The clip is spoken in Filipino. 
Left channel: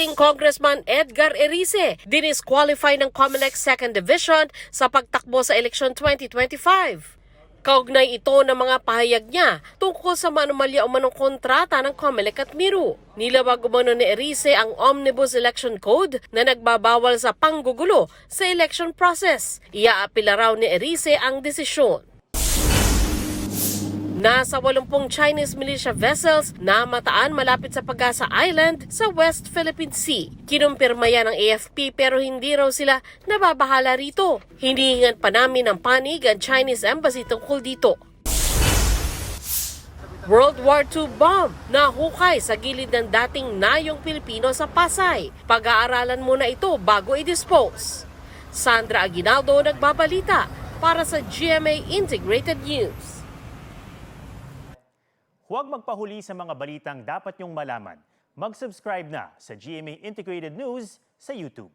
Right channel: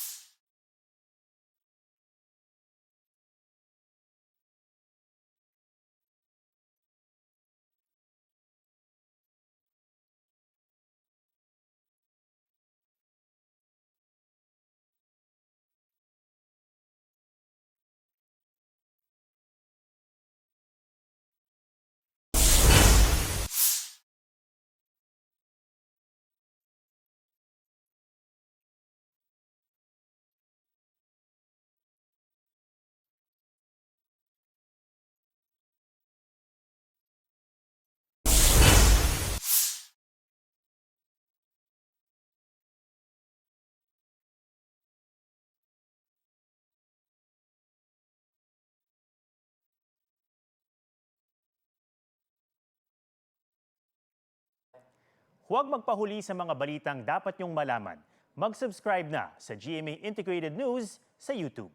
Acting Congressman Edgar Erice dinisqualify ng COMELEC 2nd Division sa pagtakbo sa eleksyon 2025. Kaugnay ito ng mga pahayag niya tungkol sa manumalya umanong kontrata ng COMELEC at Miru. Nilawag umano ni Erice ang Omnibus Election Code na nagbabawal sa panggugulo sa election process. Iaapila raw ni Erice ang desisyon. Nasa 80 Chinese militia vessels na mataan malapit sa Pag-asa Island sa West Philippine Sea. Kinumpirma yan ng AFP pero hindi raw sila nababahala rito. Hinihingan pa namin ng panig ang Chinese Embassy tungkol dito. World War II bomb na hukay sa gilid ng dating nayong Pilipino sa Pasay. Pag-aaralan muna ito bago i-dispose. Sandra Aguinaldo nagbabalita para sa GMA Integrated News. Huwag magpahuli sa mga balitang dapat niyong malaman. Mag-subscribe na sa GMA Integrated News sa YouTube.